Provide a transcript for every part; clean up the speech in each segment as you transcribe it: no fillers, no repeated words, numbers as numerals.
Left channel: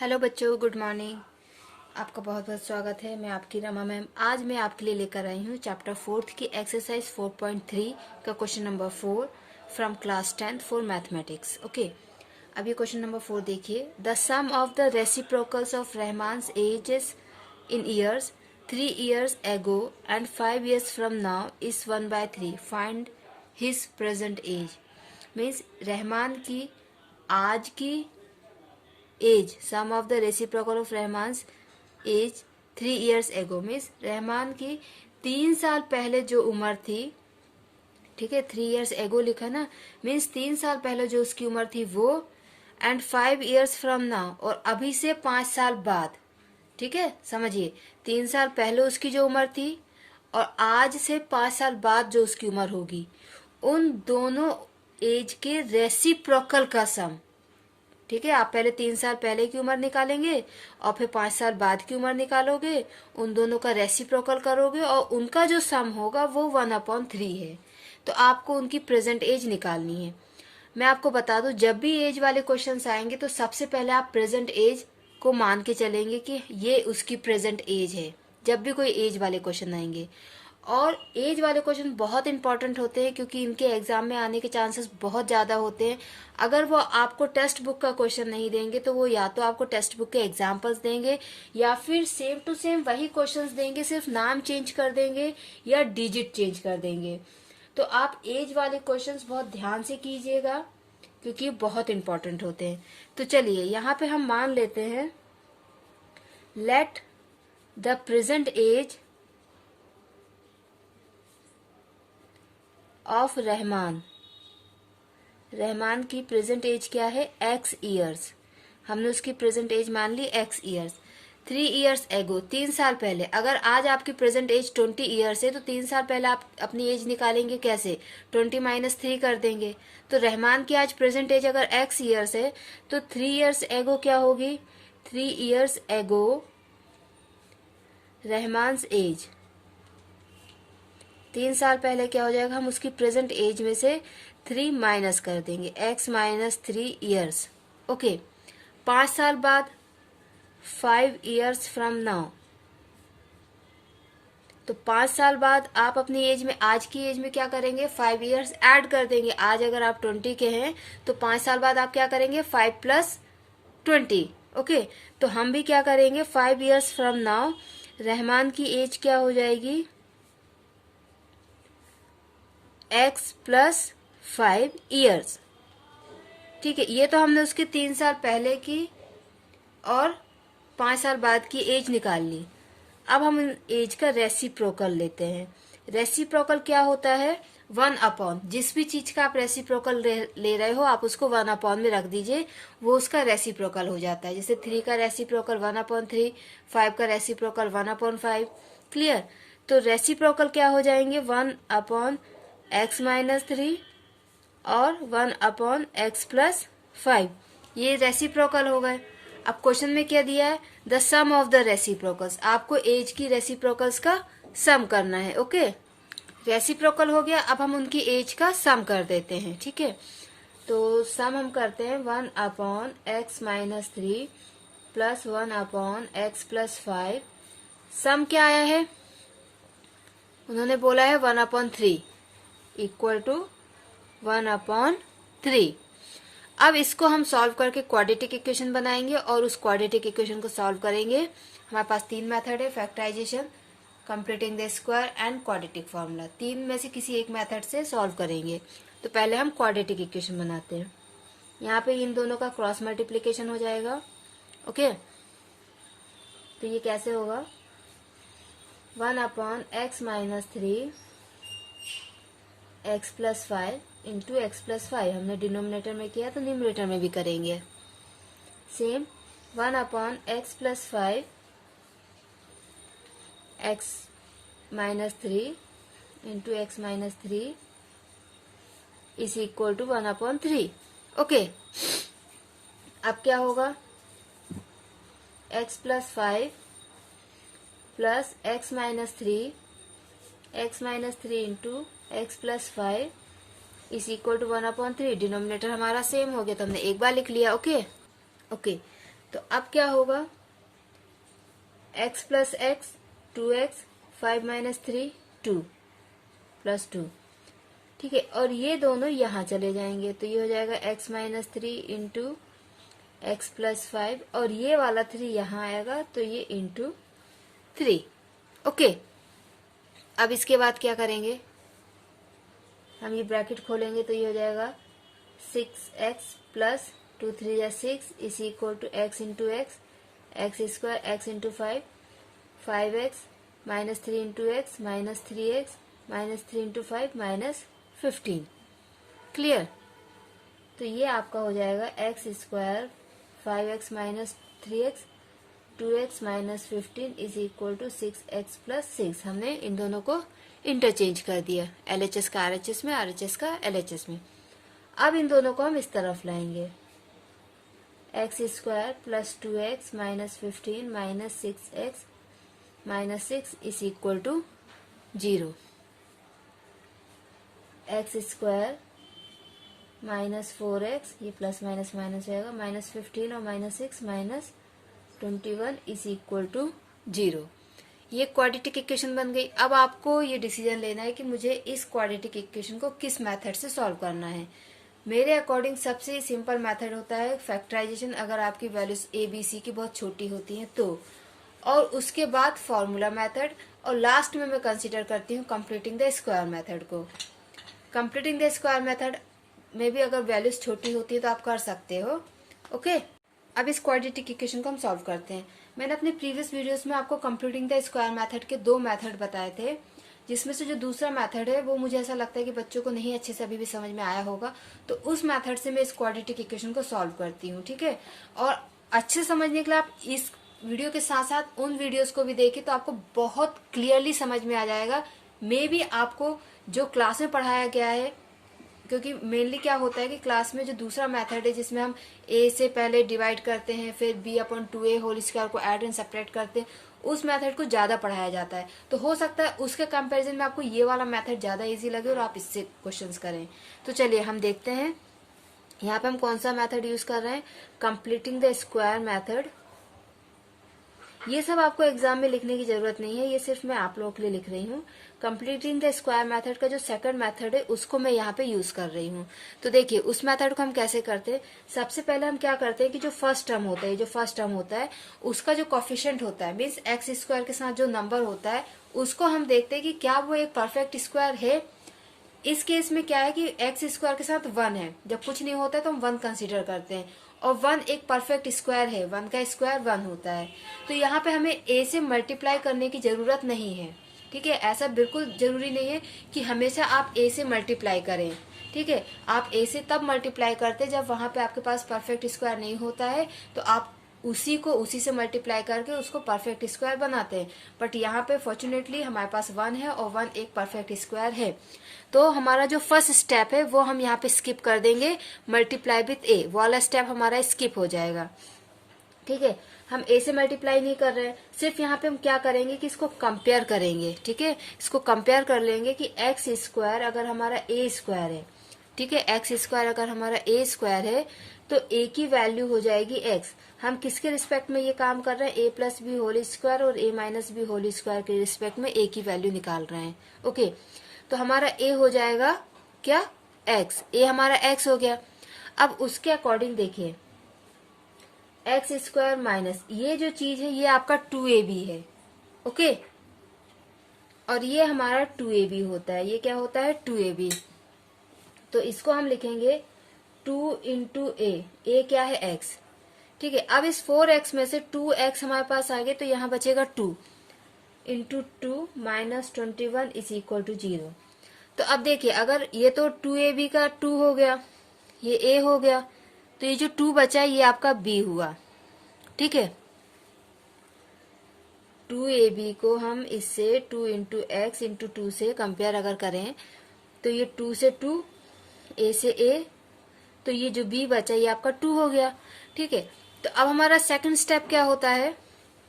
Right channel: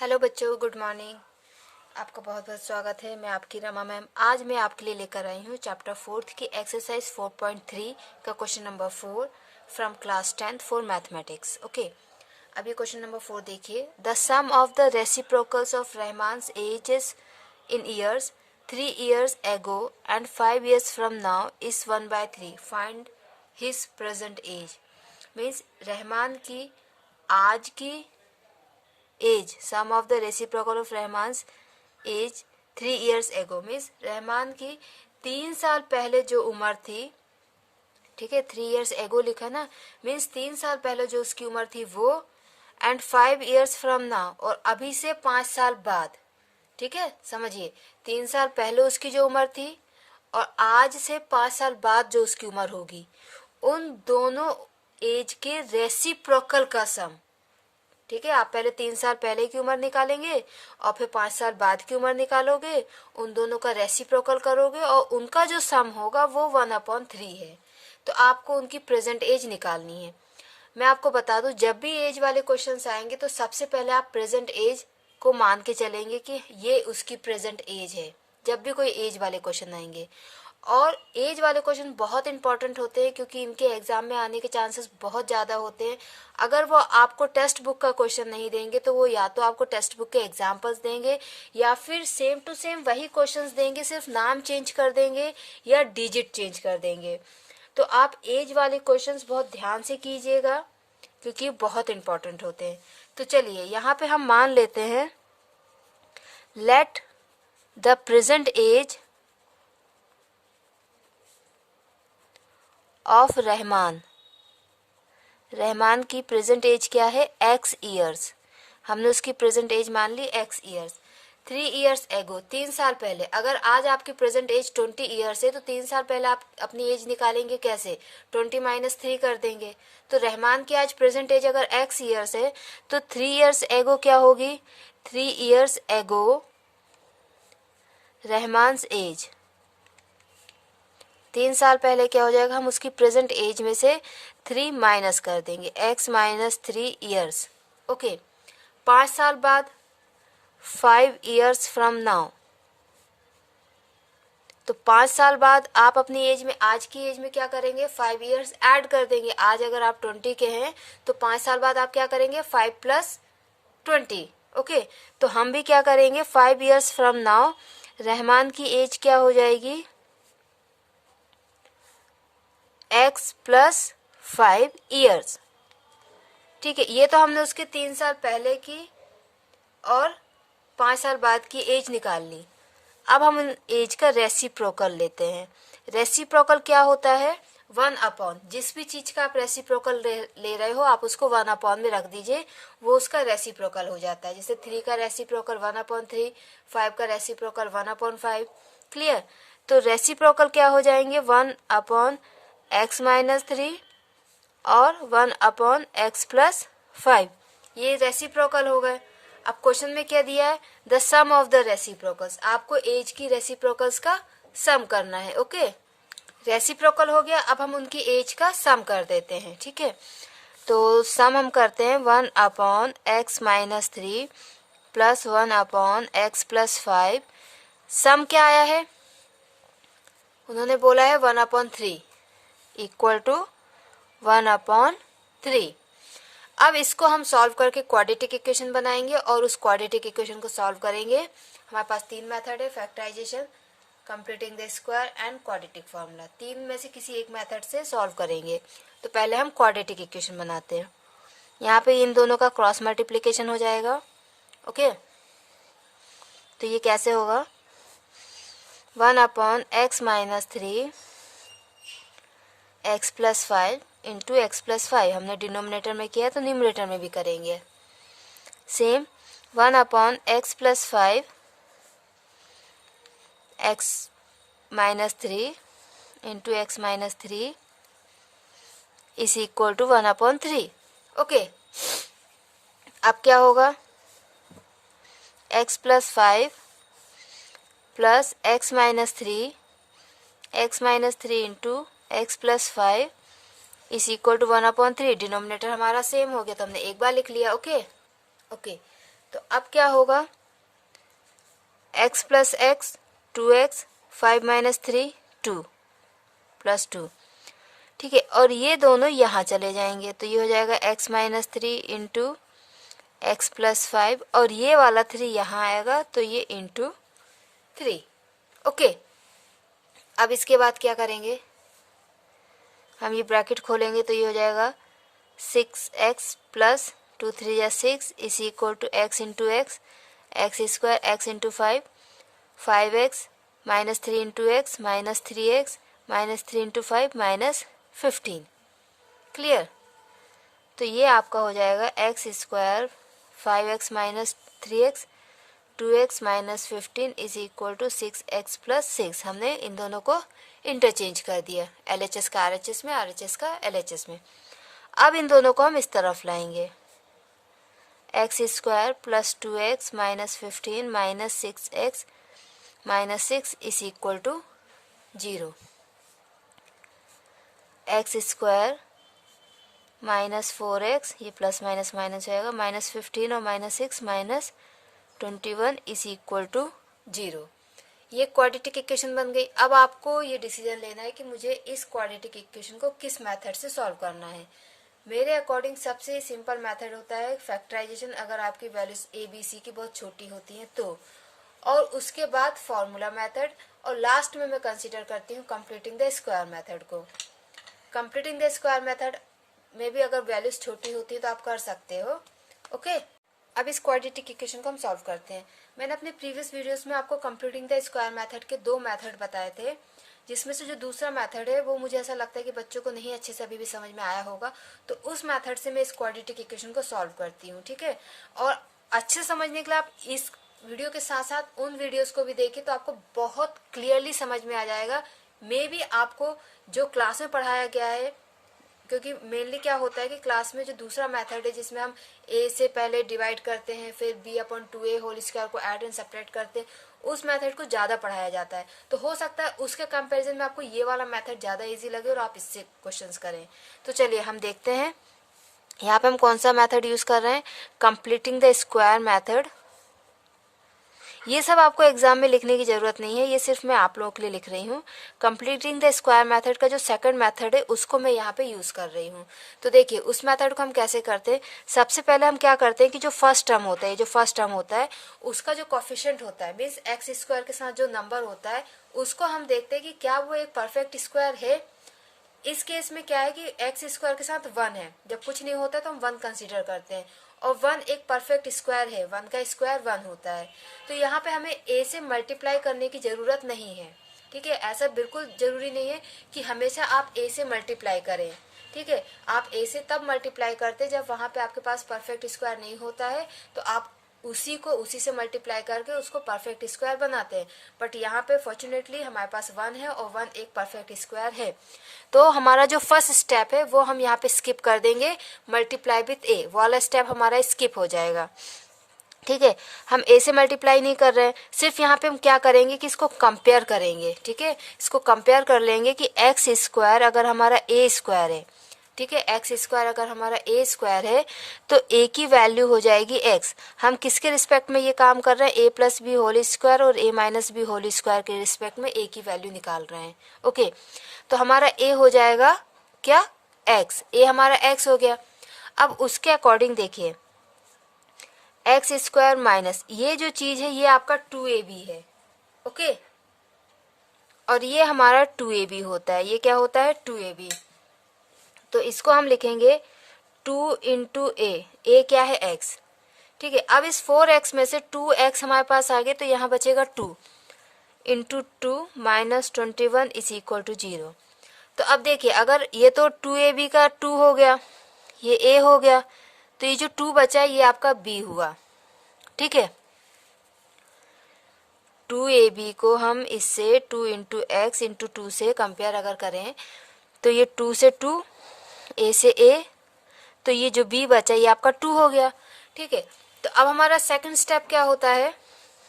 Hello बच्चों, good morning. आपका बहुत बहुत स्वागत है। मैं आपकी रमा मैम। आज मैं आपके लिए लेकर आई हूँ चैप्टर 4 की एक्सरसाइज 4.3 का question number 4 from class 10th for mathematics. Okay, अब ये क्वेश्चन नंबर 4 देखिए। The sum of the reciprocals of Rahman's ages in years 3 years ago and 5 years from now is 1/3. Find his present age. Means Rahman की आज की age, sum of the reciprocal of Rahman's age 3 years ago means Rahman की 3 साल पहले जो उम्र थी, ठीक है, 3 years ago लिखा ना, मीन्स 3 साल पहले जो उसकी उम्र थी वो, एंड 5 years फ्रॉम नाउ, और अभी से 5 साल बाद। ठीक है, समझिए, 3 साल पहले उसकी जो उम्र थी और आज से 5 साल बाद जो उसकी उम्र होगी, उन दोनों एज के रेसिप्रोकल का सम। ठीक है, आप पहले 3 साल पहले की उम्र निकालेंगे और फिर 5 साल बाद की उम्र निकालोगे, उन दोनों का रेसिप्रोकल करोगे और उनका जो सम होगा वो 1/3 है। तो आपको उनकी प्रेजेंट एज निकालनी है। मैं आपको बता दूं, जब भी एज वाले क्वेश्चंस आएंगे तो सबसे पहले आप प्रेजेंट एज को मान के चलेंगे कि ये उसकी प्रेजेंट एज है, जब भी कोई एज वाले क्वेश्चन आएंगे। और एज वाले क्वेश्चन बहुत इंपॉर्टेंट होते हैं क्योंकि इनके एग्जाम में आने के चांसेस बहुत ज्यादा होते हैं। अगर वो आपको टेक्स्ट बुक का क्वेश्चन नहीं देंगे तो वो या तो आपको टेक्स्ट बुक के एग्जाम्पल्स देंगे या फिर सेम टू सेम वही क्वेश्चंस देंगे, सिर्फ नाम चेंज कर देंगे या डिजिट चेंज कर देंगे। तो आप एज वाले क्वेश्चंस बहुत ध्यान से कीजिएगा क्योंकि बहुत इंपॉर्टेंट होते हैं। तो चलिए यहाँ पे हम मान लेते हैं, let the present age of Rahman, Rahman की प्रेजेंट एज क्या है, x ईयर्स। हमने उसकी प्रेजेंट एज मान ली x ईयर्स। 3 years ago, 3 साल पहले। अगर आज आपकी प्रेजेंट एज 20 ईयर्स है तो 3 साल पहले आप अपनी एज निकालेंगे कैसे, 20 - 3 कर देंगे। तो रहमान की आज प्रेजेंट एज अगर x ईयर्स है तो 3 years ago क्या होगी, 3 years ago रहमान्स एज, 3 साल पहले क्या हो जाएगा, हम उसकी प्रेजेंट एज में से 3 माइनस कर देंगे, x - 3 years। ओके, 5 साल बाद 5 years फ्रॉम नाउ। तो 5 साल बाद आप अपनी एज में, आज की एज में क्या करेंगे, 5 years ऐड कर देंगे। आज अगर आप 20 के हैं तो 5 साल बाद आप क्या करेंगे, 5 + 20। ओके, तो हम भी क्या करेंगे, 5 years फ्रॉम नाउ रहमान की एज क्या हो जाएगी, x + 5 years। ठीक है, ये तो हमने उसके 3 साल पहले की और 5 साल बाद की एज निकाल ली। अब हम उन एज का रेसिप्रोकल लेते हैं। रेसिप्रोकल क्या होता है, 1/, जिस भी चीज का आप रेसिप्रोकल ले रहे हो आप उसको 1/, में रख दीजिए, वो उसका रेसिप्रोकल हो जाता है। जैसे 3 का रेसिप्रोकल 1/3, 5 का रेसिप्रोकल 1/5। क्लियर। तो रेसिप्रोकल क्या हो जाएंगे, 1/x - 3 और 1/x + 5। ये रेसिप्रोकल हो गए। अब क्वेश्चन में क्या दिया है, the sum of the reciprocals. आपको एज की रेसिप्रोकल्स का सम करना है। ओके, रेसिप्रोकल हो गया, अब हम उनकी एज का सम कर देते हैं। ठीक है, तो सम हम करते हैं 1/x - 3 + 1/x + 5। सम क्या आया है, उन्होंने बोला है 1/3 = 1/3। अब इसको हम सॉल्व करके क्वाड्रेटिक इक्वेशन बनाएंगे और उस क्वाड्रेटिक इक्वेशन को सॉल्व करेंगे। हमारे पास 3 मेथड है, factorisation, completing the square and quadratic formula. 3 में से किसी एक मेथड से सॉल्व करेंगे। तो पहले हम क्वाड्रेटिक इक्वेशन बनाते हैं। यहाँ पे इन दोनों का क्रॉस मल्टीप्लीकेशन हो जाएगा। ओके, तो ये कैसे होगा, 1/x - 3 x + 5 इंटू x + 5। हमने डिनोमिनेटर में किया तो न्यूमरेटर में भी करेंगे same. 1/x + 5 x - 3 into x - 3 is equal to 1/3। Okay, अब क्या होगा, x + 5 plus x - 3 into x + 5 is equal to 1/3। Denominator हमारा सेम हो गया तो हमने एक बार लिख लिया। ओके, तो अब क्या होगा, x plus x 2x, 5 minus 3 2 plus 2, ठीक है। और ये दोनों यहाँ चले जाएंगे तो ये हो जाएगा x minus 3 into x plus 5, और ये वाला 3 यहाँ आएगा तो ये इंटू 3। ओके, अब इसके बाद क्या करेंगे, हम ये ब्रैकेट खोलेंगे तो ये हो जाएगा 6x प्लस 2 3 या 6 is equal to x into x square x into 5, 5x minus 3 into x minus 3x minus 3 into 5 minus 15। Clear? तो ये आपका हो जाएगा x square 5x minus 3x 2x minus 15 is equal to 6x plus 6। हमने इन दोनों को interchange कर दिया, LHS का RHS में, RHS का LHS में। अब इन दोनों को हम इस तरफ लाएंगे, x square plus 2x minus 15 minus 6x minus 6 is equal to 0। x square minus 4x, ये प्लस माइनस माइनस हो जाएगा, माइनस 15 और minus 6 minus 21 is equal to 0। ये क्वाड्रेटिक इक्वेशन बन गई। अब आपको ये डिसीजन लेना है कि मुझे इस क्वाड्रेटिक इक्वेशन को किस मेथड से सॉल्व करना है। मेरे अकॉर्डिंग सबसे सिंपल मेथड होता है फैक्टराइजेशन, अगर आपकी वैल्यूज ए बी सी की बहुत छोटी होती हैं तो, और उसके बाद फॉर्मूला मेथड, और लास्ट में मैं कंसिडर करती हूँ कंप्लीटिंग द स्क्वायर मेथड को। कंप्लीटिंग द स्क्वायर मेथड में भी अगर वैल्यूज छोटी होती है तो आप कर सकते हो। ओके, अब इस क्वाड्रेटिक इक्वेशन को हम सॉल्व करते हैं। मैंने अपने प्रीवियस वीडियोस में आपको कंप्लीटिंग द स्क्वायर मेथड के 2 मेथड बताए थे, जिसमें से जो दूसरा मेथड है वो मुझे ऐसा लगता है कि बच्चों को नहीं अच्छे से अभी भी समझ में आया होगा, तो उस मेथड से मैं इस क्वाड्रेटिक इक्वेशन को सॉल्व करती हूँ। ठीक है, और अच्छे समझने के लिए आप इस वीडियो के साथ साथ उन वीडियोस को भी देखें तो आपको बहुत क्लियरली समझ में आ जाएगा। मे भी आपको जो क्लास में पढ़ाया गया है, क्योंकि मेनली क्या होता है कि क्लास में जो दूसरा मेथड है जिसमें हम a से पहले डिवाइड करते हैं, फिर b/2a होल स्क्वायर को ऐड एंड सब्ट्रैक्ट करते हैं, उस मेथड को ज्यादा पढ़ाया जाता है। तो हो सकता है उसके कंपैरिजन में आपको ये वाला मेथड ज्यादा इजी लगे और आप इससे क्वेश्चंस करें। तो चलिए हम देखते हैं यहाँ पे हम कौन सा मेथड यूज कर रहे हैं, कंप्लीटिंग द स्क्वायर मेथड। ये सब आपको एग्जाम में लिखने की जरूरत नहीं है, ये सिर्फ मैं आप लोगों के लिए लिख रही हूँ। कंप्लीटिंग द स्क्वायर मेथड का जो सेकंड मेथड है उसको मैं यहाँ पे यूज कर रही हूँ। तो देखिए उस मेथड को हम कैसे करते हैं। सबसे पहले हम क्या करते हैं कि जो फर्स्ट टर्म होता है उसका जो कोफिशिएंट होता है, मीन्स एक्स स्क्वायर के साथ जो नंबर होता है उसको हम देखते हैं कि क्या वो एक परफेक्ट स्क्वायर है। इस केस में क्या है कि एक्स स्क्वायर के साथ 1 है, जब कुछ नहीं होता है तो हम 1 कंसीडर करते हैं, और 1 एक परफेक्ट स्क्वायर है, 1 का स्क्वायर 1 होता है। तो यहाँ पे हमें a से मल्टीप्लाई करने की जरूरत नहीं है। ठीक है, ऐसा बिल्कुल जरूरी नहीं है कि हमेशा आप a से मल्टीप्लाई करें। ठीक है, आप a से तब मल्टीप्लाई करते जब वहां पे आपके पास परफेक्ट स्क्वायर नहीं होता है, तो आप उसी से मल्टीप्लाई करके उसको परफेक्ट स्क्वायर बनाते हैं। बट यहाँ पे फॉर्चुनेटली हमारे पास 1 है और 1 एक परफेक्ट स्क्वायर है। तो हमारा जो फर्स्ट स्टेप है वो हम यहाँ पे स्किप कर देंगे, मल्टीप्लाई विथ a वाला स्टेप हमारा स्किप हो जाएगा। ठीक है, हम a से मल्टीप्लाई नहीं कर रहे हैं, सिर्फ यहाँ पे हम क्या करेंगे कि इसको कंपेयर करेंगे। ठीक है, इसको कंपेयर कर लेंगे कि एक्स स्क्वायर अगर हमारा a स्क्वायर है, ठीक है, एक्स स्क्वायर अगर हमारा a स्क्वायर है तो a की वैल्यू हो जाएगी x। हम किसके रिस्पेक्ट में ये काम कर रहे हैं, a plus b whole square और a minus b whole square के रिस्पेक्ट में a की वैल्यू निकाल रहे हैं। ओके, तो हमारा a हो जाएगा क्या, x, a हमारा x हो गया। अब उसके अकॉर्डिंग देखिए एक्स स्क्वायर माइनस ये जो चीज है ये आपका 2ab है। ओके, और ये हमारा 2ab होता है, ये क्या होता है 2ab। तो इसको हम लिखेंगे 2 इंटू ए क्या है x। ठीक है, अब इस 4x में से 2x हमारे पास आ गए तो यहाँ बचेगा 2 into 2 minus 21 is equal to 0। तो अब देखिए अगर ये तो 2ab का 2 हो गया, ये a हो गया, तो ये जो 2 बचा है ये आपका b हुआ। ठीक है, 2ab को हम इससे 2 इंटू एक्स इंटू 2 से कंपेयर अगर करें तो ये 2 से 2, a से a, तो ये जो b बचा ये आपका 2 हो गया। ठीक है, तो अब हमारा सेकंड स्टेप क्या होता है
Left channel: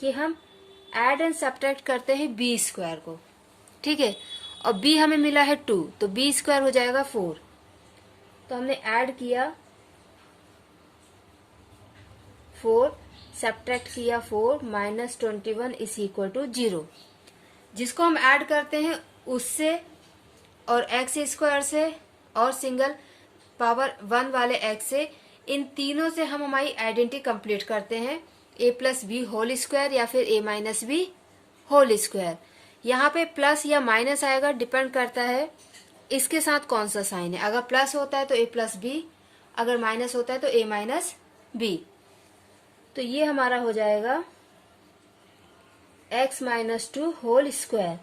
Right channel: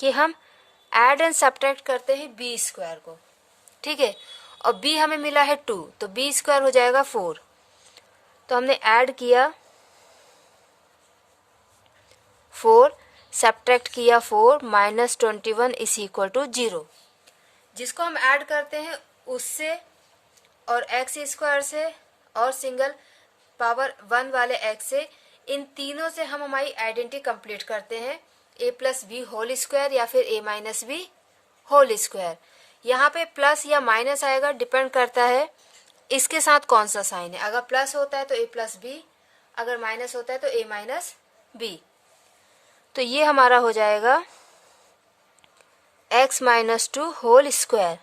कि हम ऐड एंड सब्ट्रैक्ट करते हैं b स्क्वायर को। ठीक है, और b हमें मिला है 2, तो b स्क्वायर हो जाएगा 4। तो हमने ऐड किया 4, सब्ट्रैक्ट किया 4 माइनस 21 इज इक्वल टू 0। जिसको हम ऐड करते हैं उससे और एक्स स्क्वायर से और सिंगल पावर 1 वाले एक्स से, इन तीनों से हम हमारी आइडेंटिटी कंप्लीट करते हैं, a plus b whole square या फिर a minus b whole square. यहाँ पे प्लस या माइनस आएगा, डिपेंड करता है इसके साथ कौन सा साइन है। अगर प्लस होता है तो a प्लस बी, अगर माइनस होता है तो a माइनस बी। तो ये हमारा हो जाएगा x माइनस 2 होल स्क्वायर।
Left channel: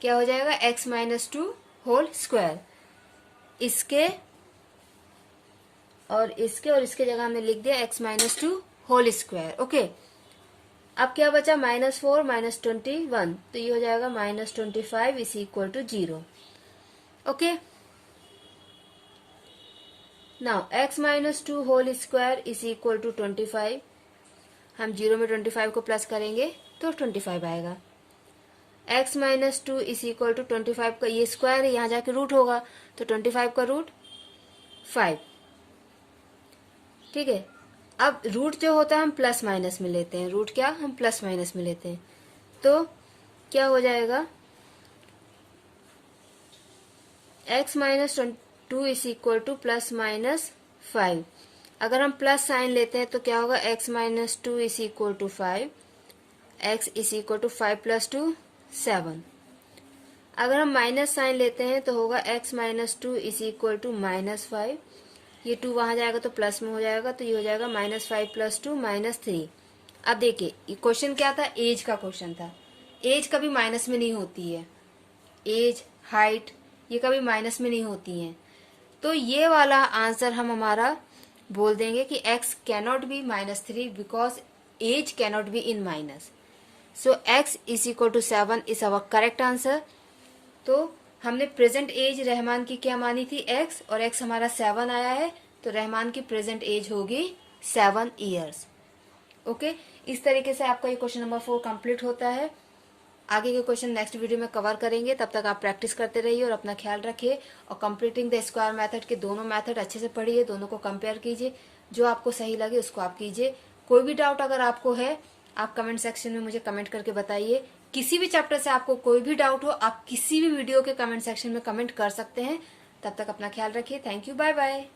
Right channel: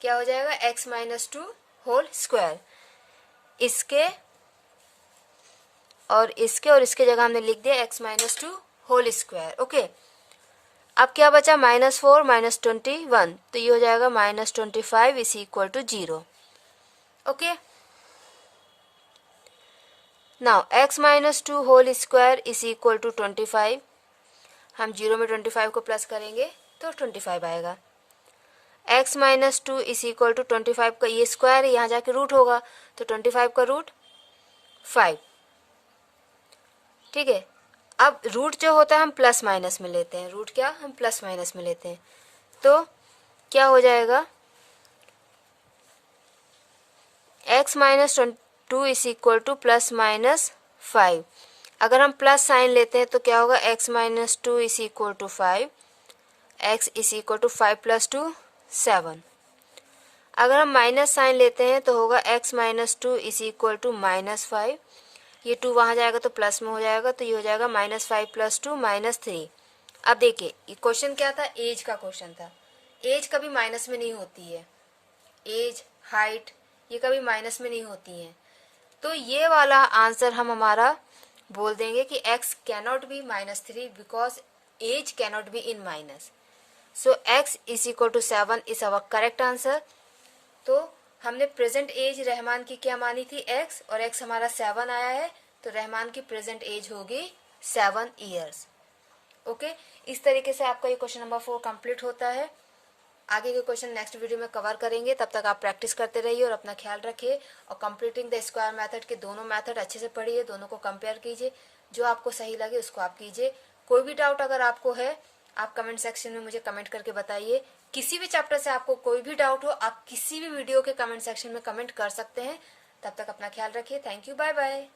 क्या हो जाएगा? x minus 2 whole square. इसके और इसके जगह हमने लिख दिया x minus 2 whole square. Okay, अब क्या बचा? माइनस 4 माइनस 21, तो ये हो जाएगा minus 25 is equal to 0। Okay, now x minus 2 whole square is equal to 25। हम 0 में 25 को प्लस करेंगे तो 25 आएगा। x minus 2 is equal to 25 का ये स्क्वायर है, यहाँ जाके रूट होगा, तो 25 का रूट 5। ठीक है, अब रूट जो होता है हम प्लस माइनस में लेते हैं। रूट क्या? हम प्लस माइनस में लेते हैं। तो क्या हो जाएगा? x minus 2 is equal two plus minus 5। अगर हम प्लस साइन लेते हैं तो क्या होगा? x minus 2 is equal to 5, x is equal to 5 plus 2 7। अगर हम माइनस साइन लेते हैं तो होगा x minus 2 is equal to minus 5। ये 2 वहां जाएगा तो प्लस में हो जाएगा, तो ये हो जाएगा माइनस 5 प्लस 2 माइनस 3। अब देखिए, ये क्वेश्चन क्या था? एज का क्वेश्चन था। एज कभी माइनस में नहीं होती है। एज, हाइट, ये कभी माइनस में नहीं होती हैं। तो ये वाला आंसर हम हमारा बोल देंगे कि x cannot be minus 3 because age cannot be in minus. So x is equal to 7 is our correct answer. तो हमने प्रेजेंट एज रहमान की क्या मानी थी? x, और x हमारा 7 आया है, तो रहमान की प्रेजेंट एज होगी 7 ईयर्स। ओके, इस तरीके से आपका ये क्वेश्चन नंबर 4 कंप्लीट होता है। आगे के क्वेश्चन नेक्स्ट वीडियो में कवर करेंगे, तब तक आप प्रैक्टिस करते रहिए और अपना ख्याल रखिए। और कंप्लीटिंग द स्क्वायर मेथड के दोनों मेथड अच्छे से पढ़िए, दोनों को कंपेयर कीजिए, जो आपको सही लगे उसको आप कीजिए। कोई भी डाउट अगर आपको है, आप कमेंट सेक्शन में मुझे कमेंट करके बताइए। किसी भी चैप्टर से आपको कोई भी डाउट हो, आप किसी भी वीडियो के कमेंट सेक्शन में कमेंट कर सकते हैं। तब तक अपना ख्याल रखिए। Thank you, bye bye.